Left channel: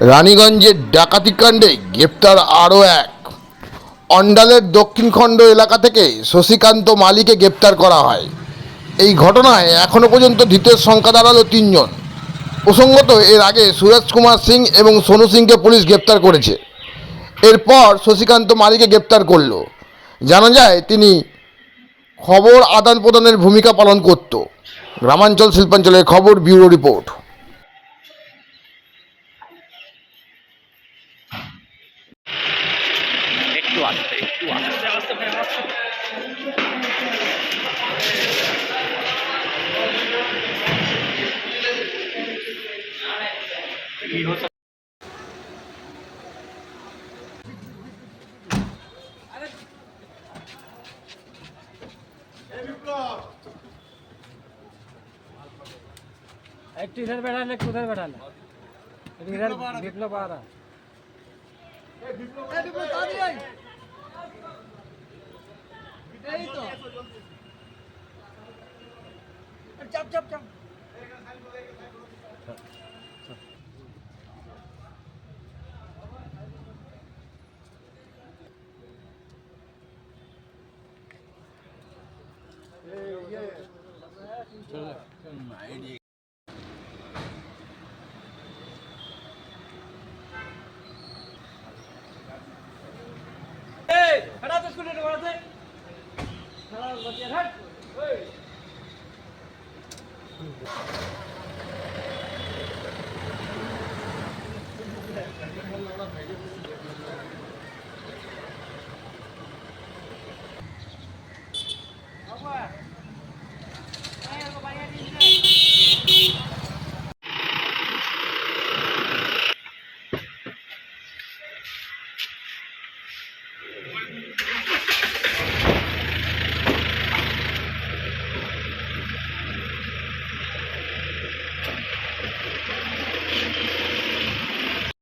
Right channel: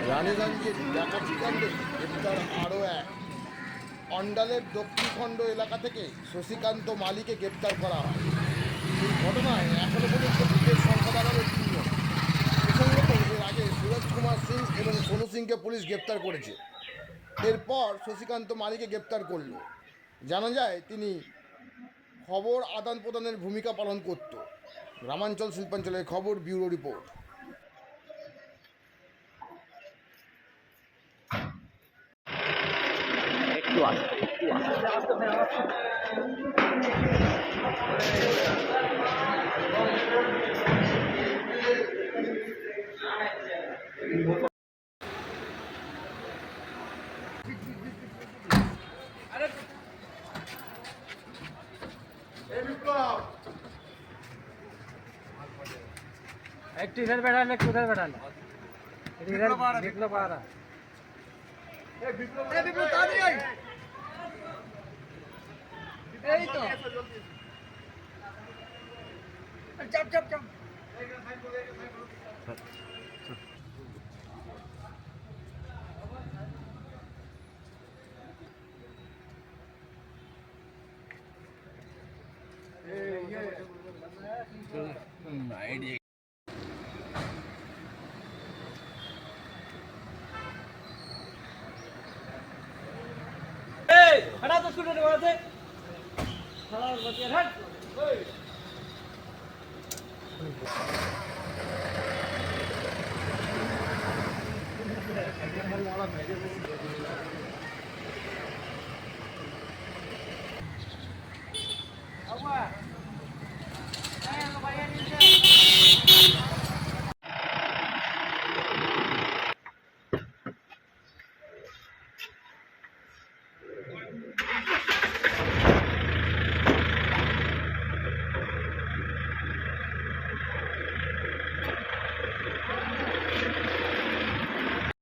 রানীগঞ্জের ডাকাতিকাণ্ডে গ্রেপ্তার আরও এক। অন্ডালের দক্ষিণখণ্ড এলাকা থেকে শশীকান্ত মালিকে গ্রেপ্তার করা হয়। এই ঘটনায় এখনও পর্যন্ত ধৃতের সংখ্যা দাঁড়াল তিনজন। প্রসঙ্গত, এর আগে সুরজ কুমার সিং এবং সোনু সিংকে পুলিশ গ্রেপ্তার করেছে। এরপর শশীকান্ত মালিকে গ্রেপ্তার করল। জানা যায়, তিনি খবর আদান প্রদানের ভূমিকা পালন করত। গ্রামাঞ্চল শিল্পাঞ্চলের খবর ব্যুরো রিপোর্ট। तू आगे तू आगे एक टी शर्ट बैठा एक उधर बैठा बिप्लब आ रहा है। এই তো চাপ চাপ চাপ खड़ा तो स्टूडेंट वहां से Hey!